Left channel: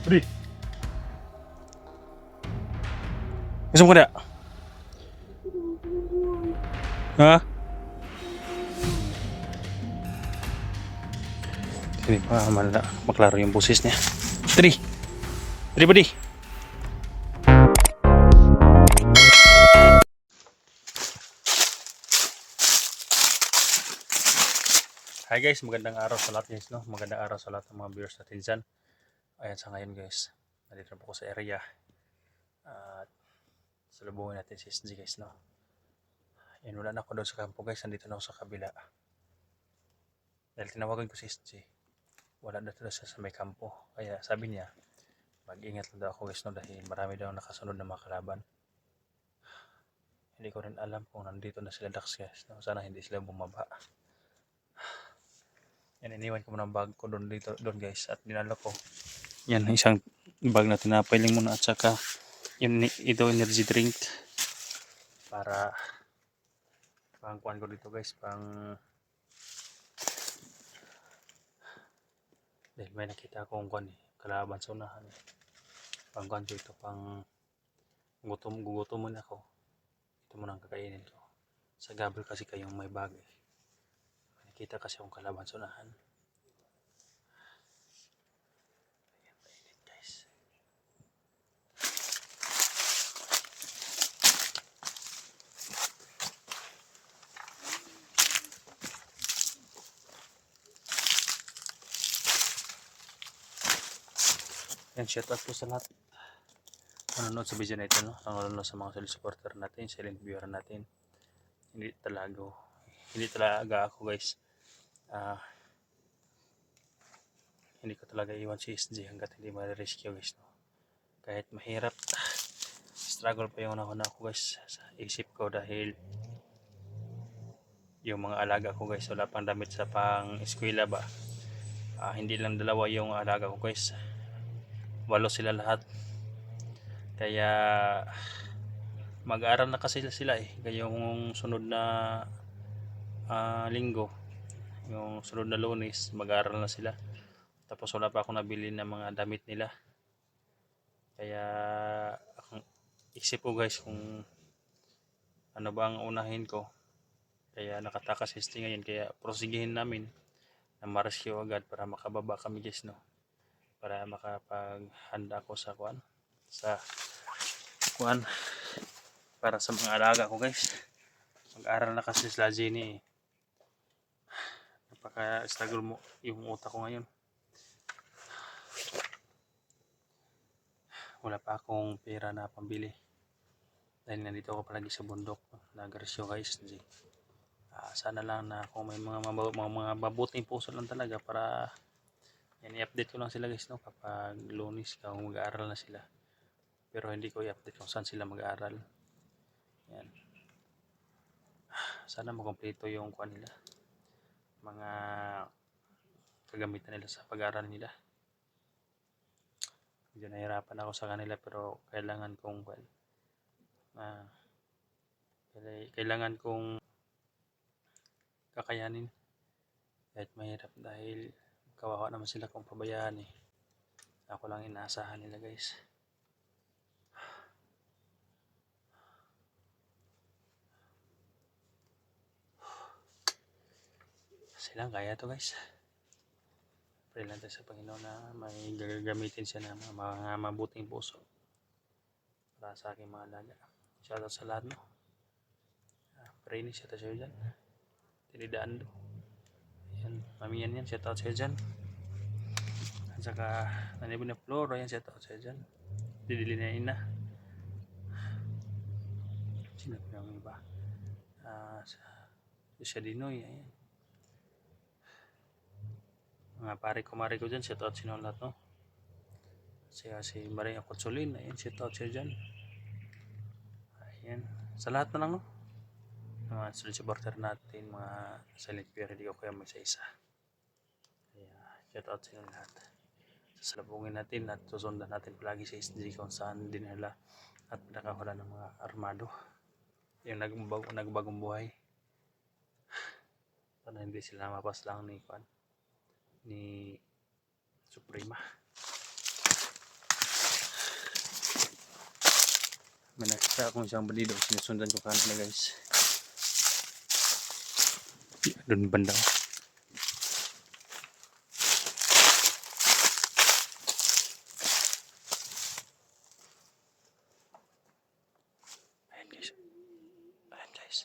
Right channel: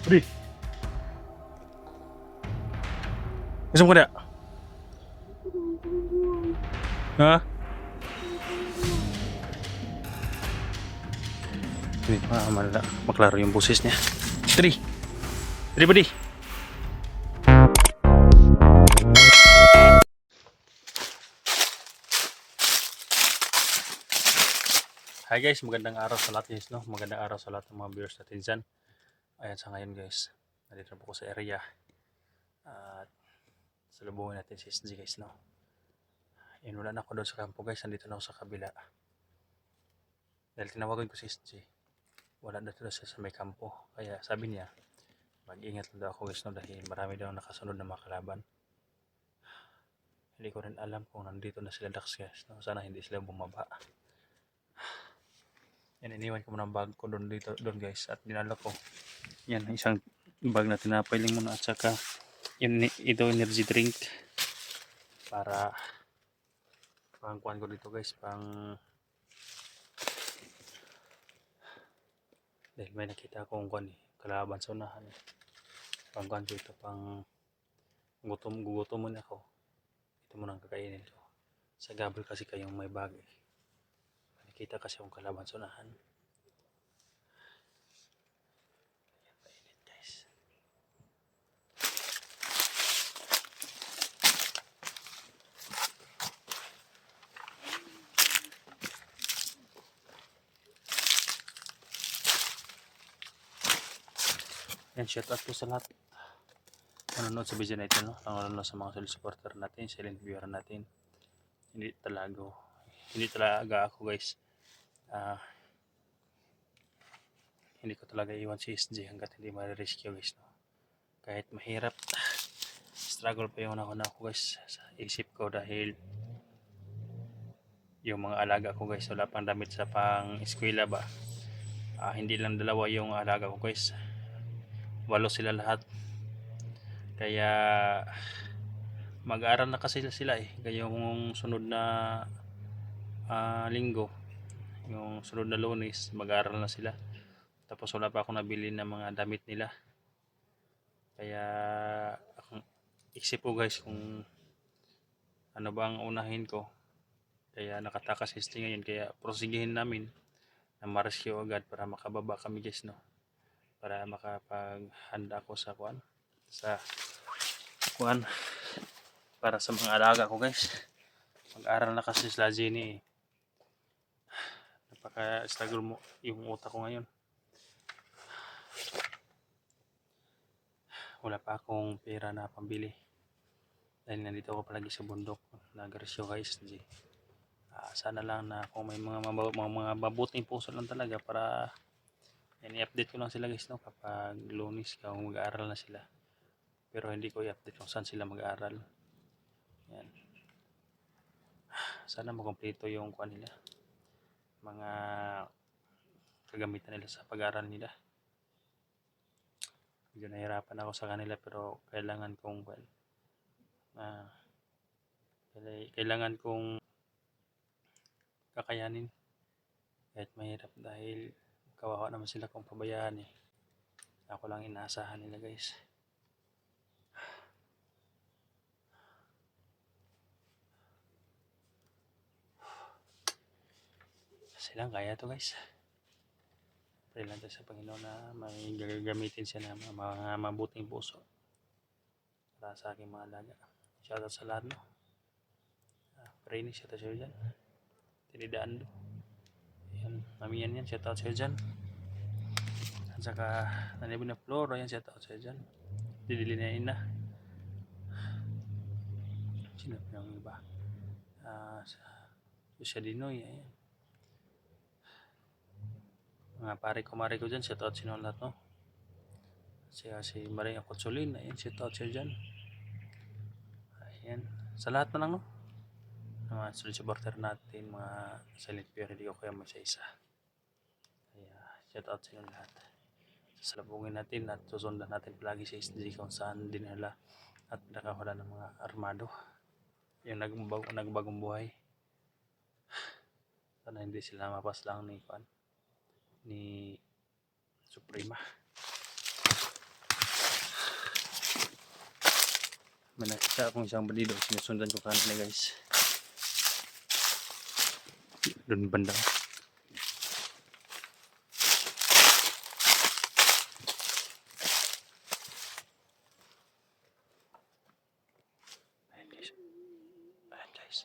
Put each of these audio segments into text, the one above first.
Budi, gusto mo kada? Ha? Hindi pa maklaro yung boses niya. Tri! Tri, Budi! Hi guys, magandang araw sa lahat guys, no? Magandang araw sa lahat ng mga viewers natin dyan. Ayan, sa ngayon guys, nandito na po ko sa area. At salubungin natin si SG guys, no? Ayan, wala na ako doon sa kampo guys, nandito na ako sa kabila. Dahil tinawagan ko si SG, wala na doon sa may kampo. Kaya sabi niya, mag-ingat lang daw ako guys, no? Dahil marami daw nakasunod na mga kalaban. Hindi ko rin alam kung nandito na sila Dax guys, no? Sana hindi sila bumaba. Yan, iniwan ko muna ang bag ko doon guys, at dinala ko. Yan, isang bag na tinapay lang muna, at saka ito energy drink para pangkuhan ko dito guys, dahil may nakita akong kuhan kalaban sa unahan pangkuhan ko ito, gugutom muna ako, ito muna ang kakainin ko sa gabal kasi kayong may bag may nakita kasi akong kalaban sa unahan. Ayan, mainit guys. Yan, shout out po sa lahat nanonood sa video na ito, no? Nanonood sa mga solid supporter natin, silent viewer natin. Hindi talaga ako guys, hindi ko talaga iwan si SG hanggat hindi ma-rescue guys, no? Kahit mahirap, struggle pa yung una ako guys sa isip ko, dahil yung mga alaga ko guys wala pang damit sa pang eskwela ba. Hindi lang dalawa yung alaga ko guys, 8 sila lahat. Kaya mag-aaral na kasi sila kaya yung sunod na linggo, yung sunod na Lunes, mag-aaral na sila. Tapos wala pa akong nabili ng mga damit nila. Kaya akong isip ko guys kung ano ba ang unahin ko. Kaya nakatakas ST ngayon, kaya prosigihin namin na ma-rescue agad para makababa kami guys, no? Para makapaghanda ako sa kuan para sa mga alaga ko guys. Mag-aral na kasi sila Jenny napaka-struggle mo yung utak ko ngayon. Wala pa akong pera na pambili dahil nandito ako palagi sa bundok, nag-rescue guys. Sana lang na kung may mga mabuting puso lang talaga para yan, i-update ko lang sila guys, no? Kapag Lunes kung mag-aaral na sila, pero hindi ko i-update kung saan sila mag-aaral. Yan, sana makumpleto yung kuha nila, mga kagamitan nila sa pag-aaral nila. Medyo nahirapan ako sa kanila, pero kailangan kong kakayanin kahit mahirap, dahil kawawa naman sila kung pabayaan ako lang inaasahan nila guys. Silang kaya to guys. Pray lang tayo sa Panginoon na may gagamitin siya na mga mabuting puso para sa aking mga alaga. Shoutout sa lahat, no? Pray ni shoutout sa'yo dyan. Tinidaan do. Ayan, mami yan, shoutout sa'yo dyan. At saka nanibin na Floro, ayan, shoutout sa'yo dyan. Didili na ina. Sino pa yung iba? Siya Dinoy, ayan. Mga pare ko dyan, shoutout sino lahat, no? Si Maria Kotsolin, ayan, shoutout sa'yo dyan. Ayan, sa lahat na lang, no? Mga solid supporter natin, mga silent viewer, hindi ko kaya mag-isa. Kaya shoutout sa inyo lahat. Sasalubungin natin at susundan natin palagi sa SG kung saan dinala at pinakahula ng mga armado, yung nagbagong buhay. Sana hindi sila mapas lang ni Suprema. May nakita akong isang bandido. Sinusundan ko kanina guys. Doon banda. Ayan guys. Ayan guys.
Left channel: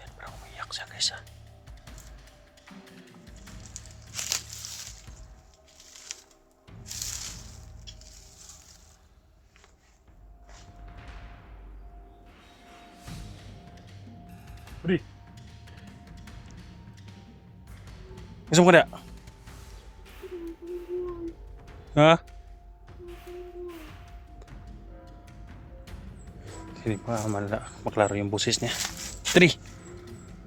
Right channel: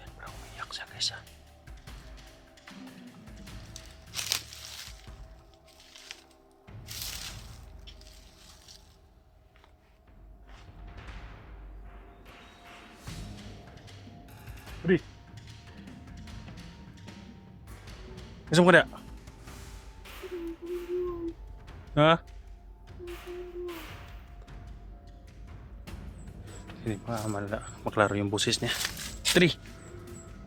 Ayan, parang umiyak siya guys ah. Budi. Gusto mo ka na? Ha? Sini pa maklaro yung boses niya. Tri.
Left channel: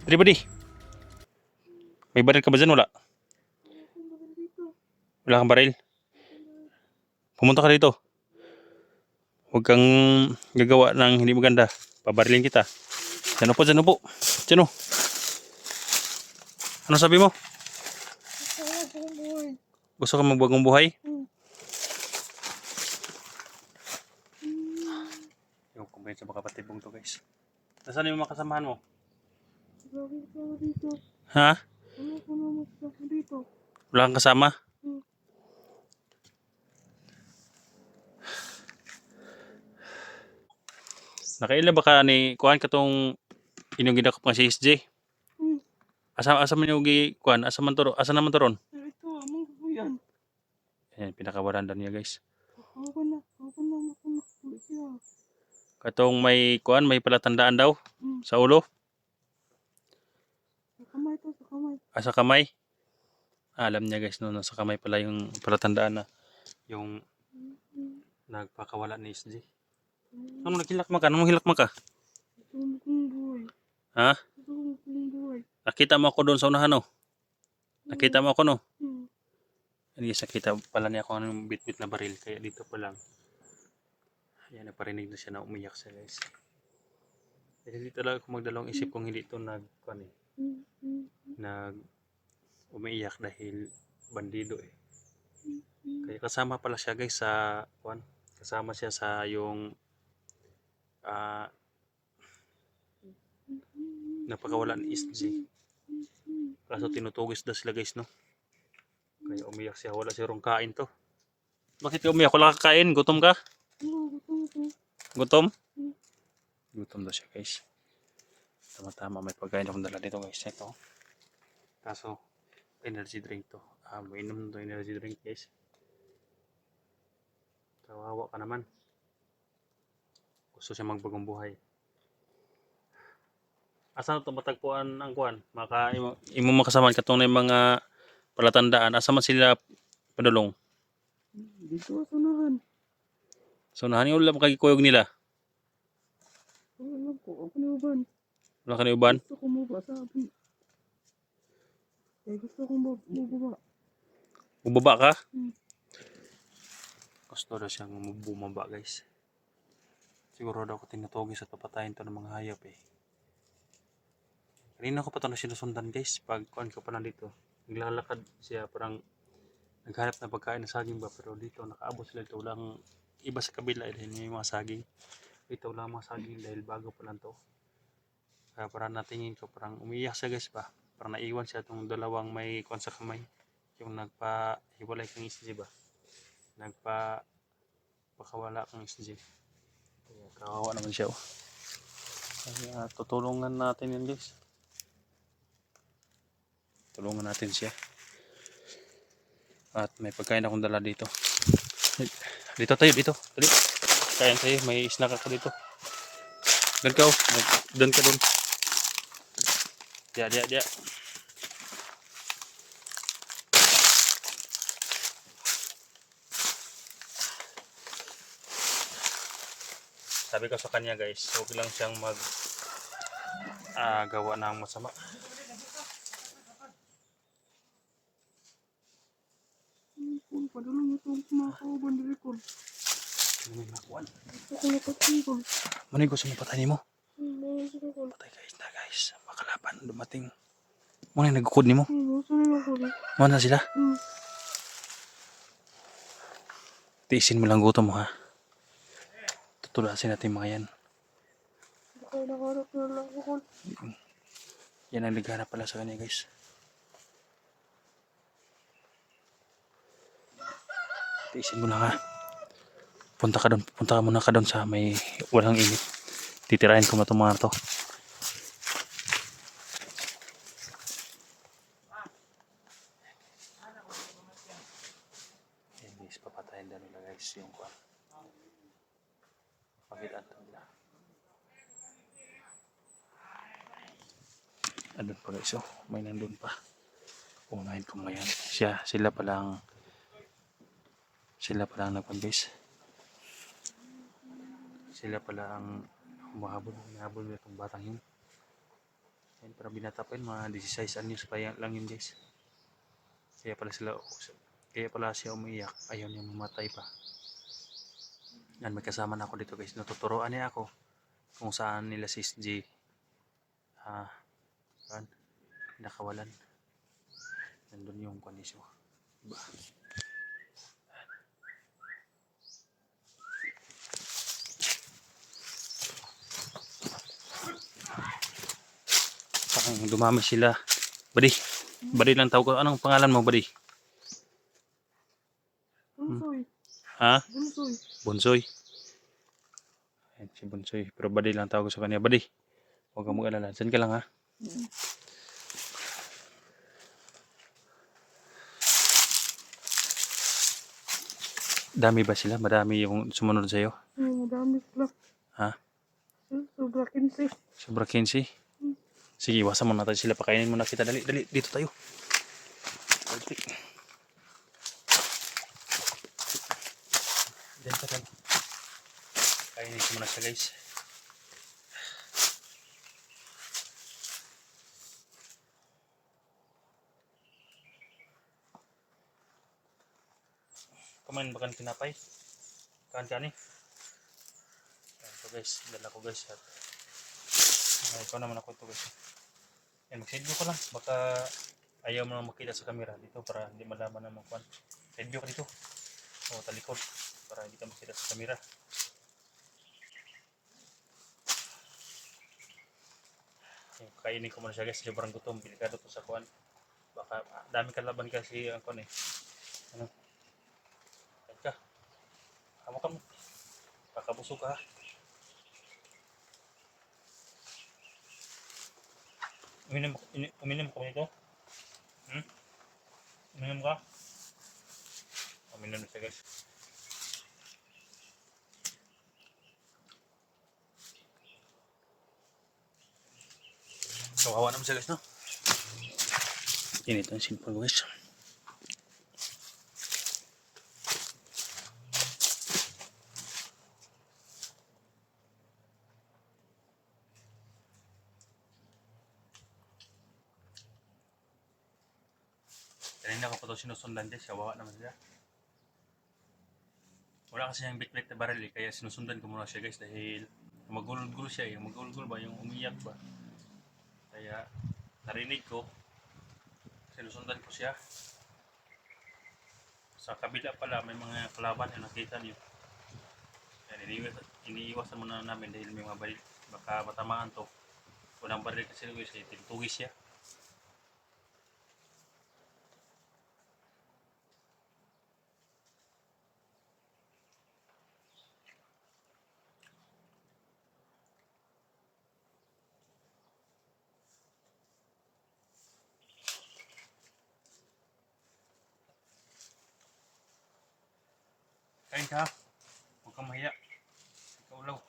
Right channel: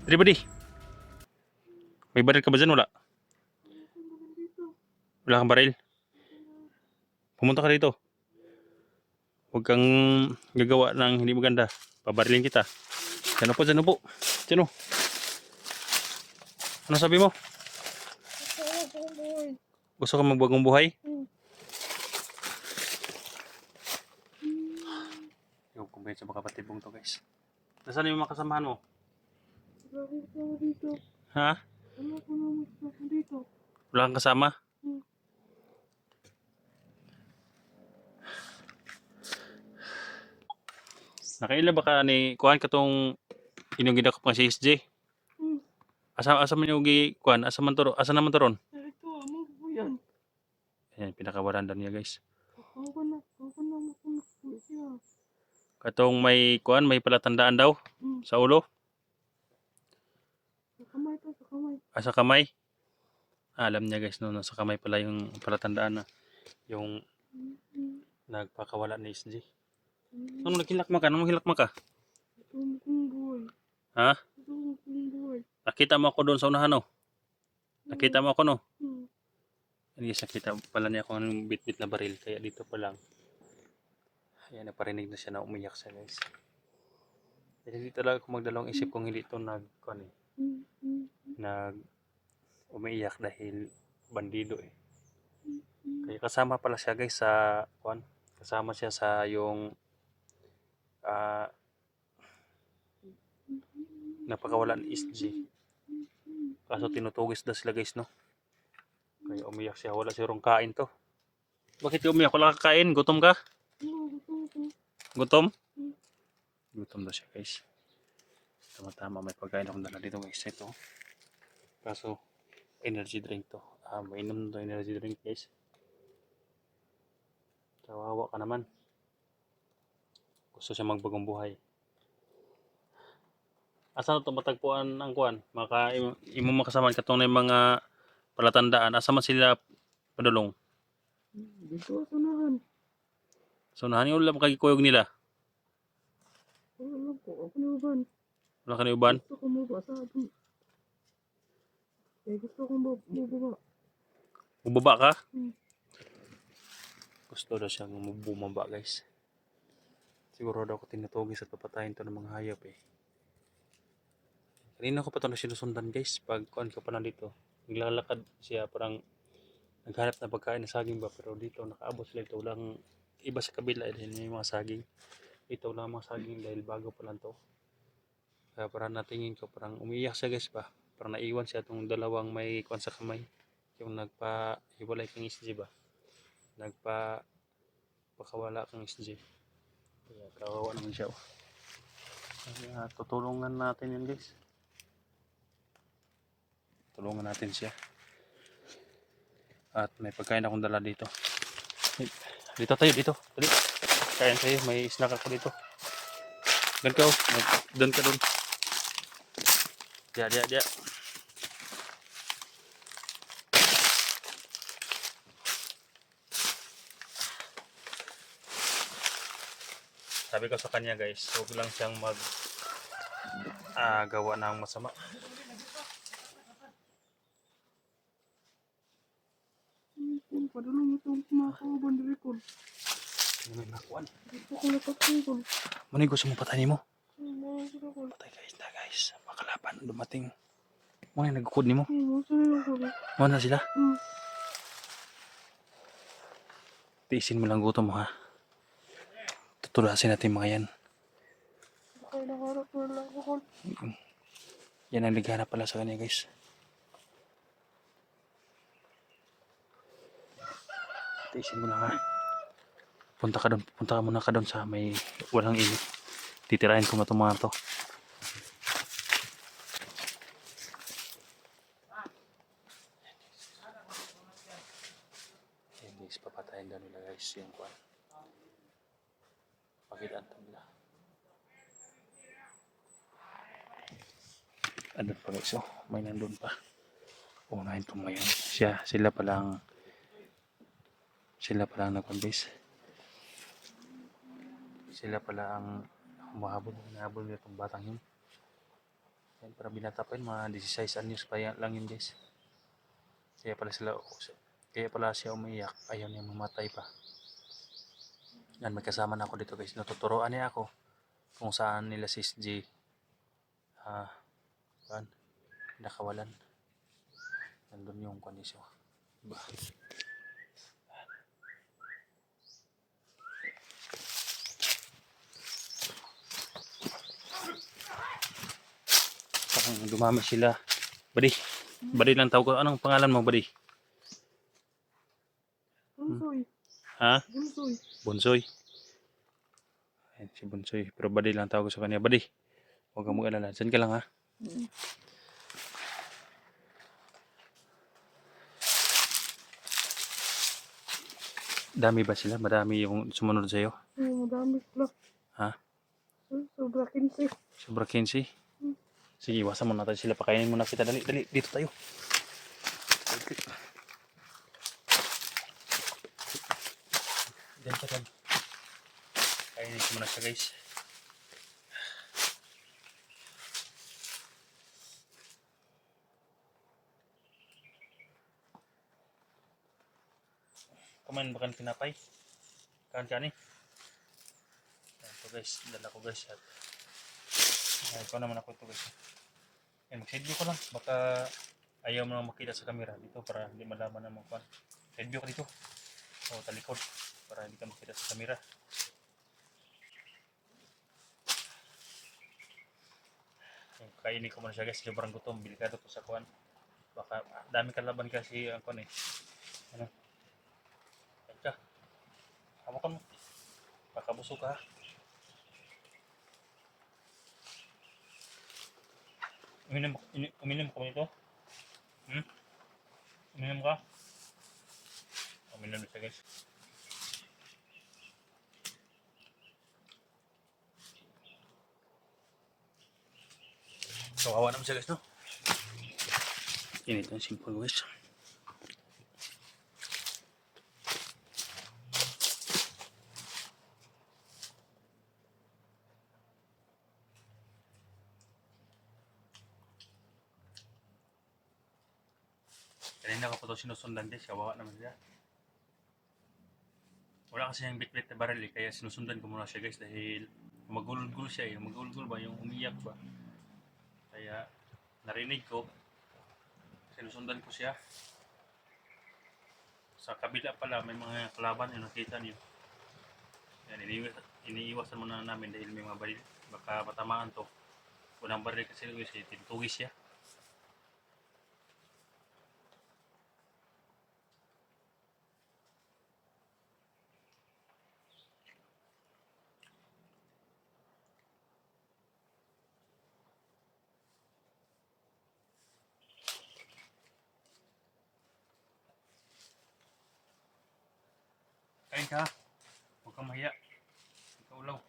Tri Budi. May baril ka ba dyan? Wala. Wala kang baril. Pumunta ka dito. Huwag kang gagawa ng hindi maganda. Pabarilin kita. Dyan po, dyan po. Dyan o. Ano sabi mo? Gusto ka magbagong buhay? Yung kumbay sa baka patibong to guys. Nasaan yung mga kasamahan mo? Ha? Wala kang kasama? Nakaila ba ka ni kuhan ka tong inyong gidakop nga si SJ? Asa man yung kuhan? Asa naman to ron? Ito, amang po yan. Ayan, pinakawaranda niya guys. Ako na po siya. Katong may kuhan, may palatandaan daw sa ulo. Sa kamay to, sa kamay. Sa kamay. Alam niya guys, no, nasa kamay pala yung palatandaan na yung nagpakawala ni SJ. Anong naghilak man ka? Anong hilak man ka? Ito kong buhay. Ha? Ito kong buhay. Nakita mo ako doon sa unahan, no? Nakita mo ako, no? Hmm. Hindi siya kita pala niya kung anong bit-bit na baril. Kaya dito pa lang. Ayan, naparinig na siya na umiyak siya, guys. Kasi dito lang ako magdalawang isip kung hindi ito nag umiiyak dahil bandido eh. Kaya kasama pala siya, guys, sa kasama siya sa yung napakawala ni SJ. Kaso tinutugis daw sila guys, no? Kaya umiyak siya. Wala siyang kain to. Bakit umiyak? Wala ka kain? Gutom ka? Gutom? Gutom daw siya guys. Tama-tama may pagkain akong dala dito guys. Ito. Kaso energy drink to. Mainom to energy drink guys. Kawawa ka naman. Gusto siya magbagong buhay. Asa na ito matagpuan ang kuan? Imo makasaman katong na yung mga palatandaan. Asa man sila padulong? Dito sa unahan. So nahan yung ulam kagikuyog nila. Wala ko, ako ni uban. Wala ka na uban? Gusto ko mababa sa atin. Eh, gusto kong bubaba. Bubaba ka? Hmm. Gusto daw siyang bumaba guys. Siguro daw ko tinutugis at papatayin to ng mga hayop eh. Kanina ko pa ito na sinusundan guys. Pag kuan ka pa na dito. Naglalakad siya parang naghanap na pagkain na saging ba. Pero dito nakaabot sila ito. Walang iba sa kabila dahil may mga saging. Ito lang mga saging dahil bago pa lang to. Kaya parang natingin ko parang umiiyak siya guys ba. Parang naiwan siya itong dalawang may kuan sa kamay. Yung nagpa-hiwalay kang SJ ba. Pakawala kang SJ. Kaya kawawa naman siya oh. Kaya tutulungan natin yun guys. Tulungan natin siya. At may pagkain akong dala dito. Dito tayo, dito. Dali. Kain tayo, may snack ako dito. Doon ka oh. Doon ka doon. Dia. Sabi ko sa kanya guys, huwag lang siyang gawa ng masama. Kung padulong itong mga kauban diri ko. Ano may makuan? Gusto ko lapat ko. Ano yung gusto mo patayin mo? Ano sila ko? Patay guys na guys. Makalaban dumating. Muna yung nagkukod ni mo. Gusto nila ko. Muna sila. Hmm. Tiisin mo lang gutom mo ha. Tutulasin natin mga yan. Kaya nakaharap na lang ako. Yan ang ligara pala sa kanya guys. Tiisin mo lang ha. Punta ka muna ka doon sa may walang init. Titirahin ko na itong mga to. Ayan guys, papatayin daw nila guys yung kuwan. Pakitaan to nila. Andun pa guys oh, may nandun pa. Unahin ko ngayon. Sila palang nagkuhan guys. Sila pala ang hinahabol nila itong batang yun. Yan, para binata pa yun, mga 16 anyos pa lang yun guys. Kaya pala siya umiiyak, ayaw niya mamatay pa. Yan, may kasama na ako dito guys. Natuturoan niya ako kung saan nila si SG nakawalan. Nandun yung kondisyon. Diba? Parang dumami sila. Buddy lang tawag ko. Anong pangalan mo, buddy? Bunsoy. Ha? Bunsoy. Bonsoy. Ayan si Bonsoy. Pero buddy lang tawag ko sa kanya. Buddy, huwag kang mag-alala. Diyan ka lang ha. Dami ba sila? Madami yung sumunod sa'yo? Madami sila. Ha? Sobra 15. Sobra 15? Sige, iwasan muna tayo sila. Pakainin muna kita. Dali. Dito tayo. Dali. Diyan ka tayo. Kainin ko muna siya guys. Kumain ba kan kinapay? Kancani? Ayan po guys. Dala ko guys. At ikaw naman ako ito guys. Ayan, mag-side ko lang. Baka ayaw mo makita sa camera dito para hindi malaman na mga kwan. Side ka dito. O talikod. Para hindi ka makita sa camera. Kainin ko muna siya guys. Sobrang gutom. Bilikado to sa kwan. Baka dami kalaban kasi ang kwan eh. Ano? Kain ka. Hawakan mo. Baka busog ka ha. Uminom ko nito? Uminom ka? Uminom na siya guys. Kawawa naman siya guys no? Init ang simple guys. Kanina ko pa ito sinusundan guys, kawawa naman siya. Wala kasi yung bit-bit na baril eh, kaya sinusundan ko muna siya guys dahil magulol-gulo siya eh. Magulol-gulo ba, yung umiyak ba. Kaya narinig ko, sinusundan ko siya. Sa kabila pala may mga kalaban yung nakita niyo. Yan, iniiwasan muna namin dahil may mga baril. Baka matamaan to. Unang baril kasi guys, tinutugis siya. Kain ka, huwag kang mahiya. Ikaw ulaw.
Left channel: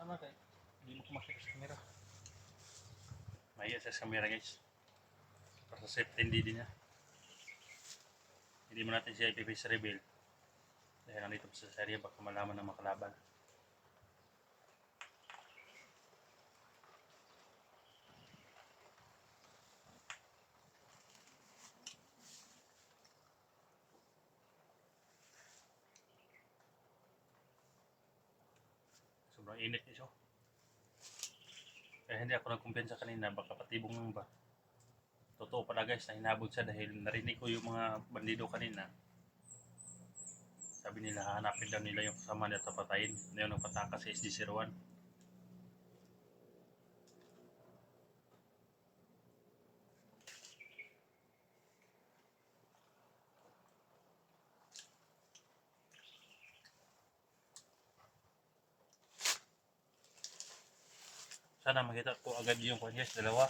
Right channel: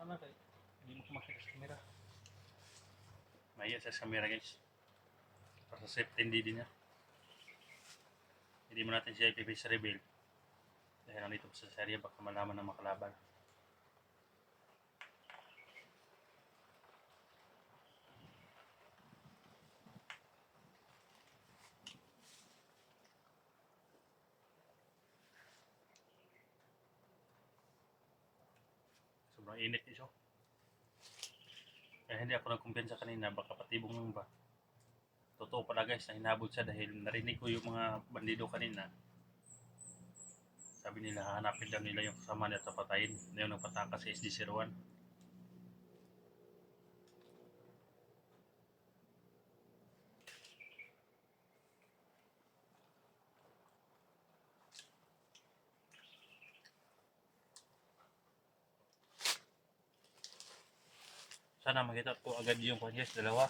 Tama kayo, hindi mo kumakita sa camera. Mahiya siya sa camera guys. Para sa safety hindi niya. Hindi mo natin siya ipipice reveal. Dahil nandito pa sa serye baka malaman ng makalaban. Sobrang init guys oh. Kaya hindi ako nagkumpiyansa kanina, baka patibong lang ba. Totoo pala guys, na hinabol siya dahil narinig ko yung mga bandido kanina. Sabi nila, hanapin daw nila yung kasama nila at patayin. Na yung nagpatakas sa SD01. Sana makita ko agad yung guys, dalawa.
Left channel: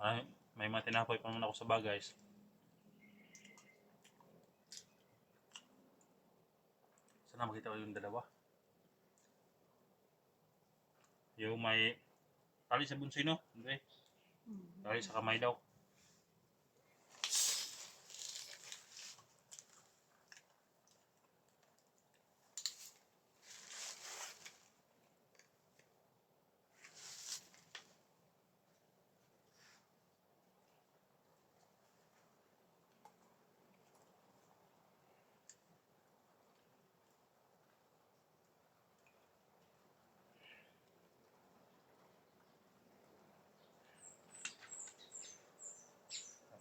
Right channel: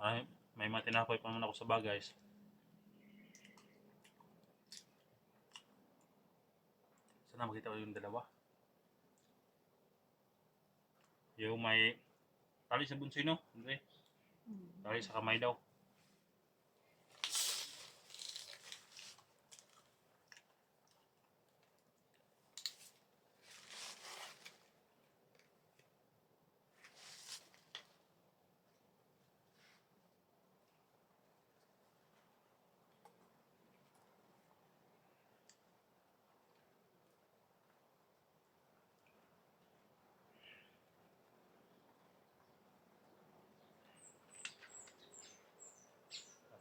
Ay, may mga tinapoy pa naman ako sa bag guys. Sana makita ko yung dalawa. Yung may tali sa bunsoy no? Hindi. Tali sa kamay daw.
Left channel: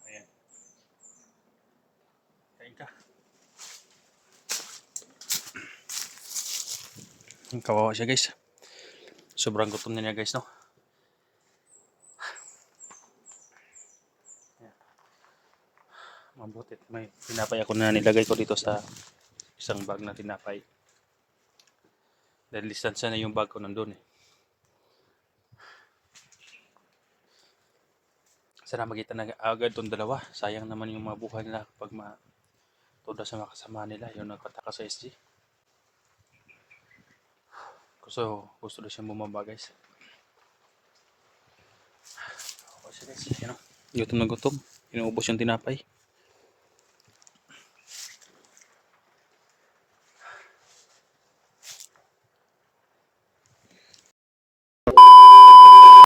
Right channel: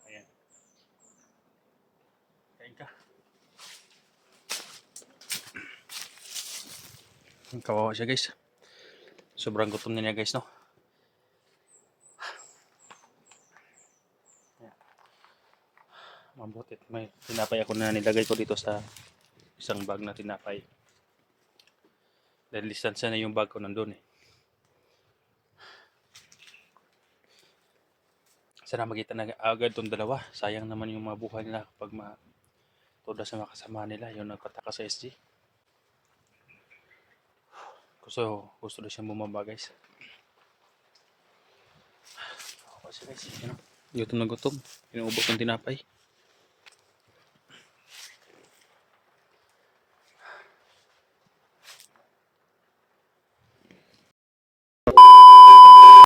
Ayan. Kain ka. Kawawa siya guys. Sobrang gutom na niya guys no. Mabutit may tinapay ako na nilagay ko dito sa isang bag na tinapay. Dahil distansya na yung bag ko nandun eh. Sana makita na agad tong dalawa. Sayang naman yung mga buhay nila kapag toda sa mga kasama nila yung nagpataka sa SG. Gusto na siyang bumaba guys. Kasi guys, gutom na gutom. Inuubos ng tinapay.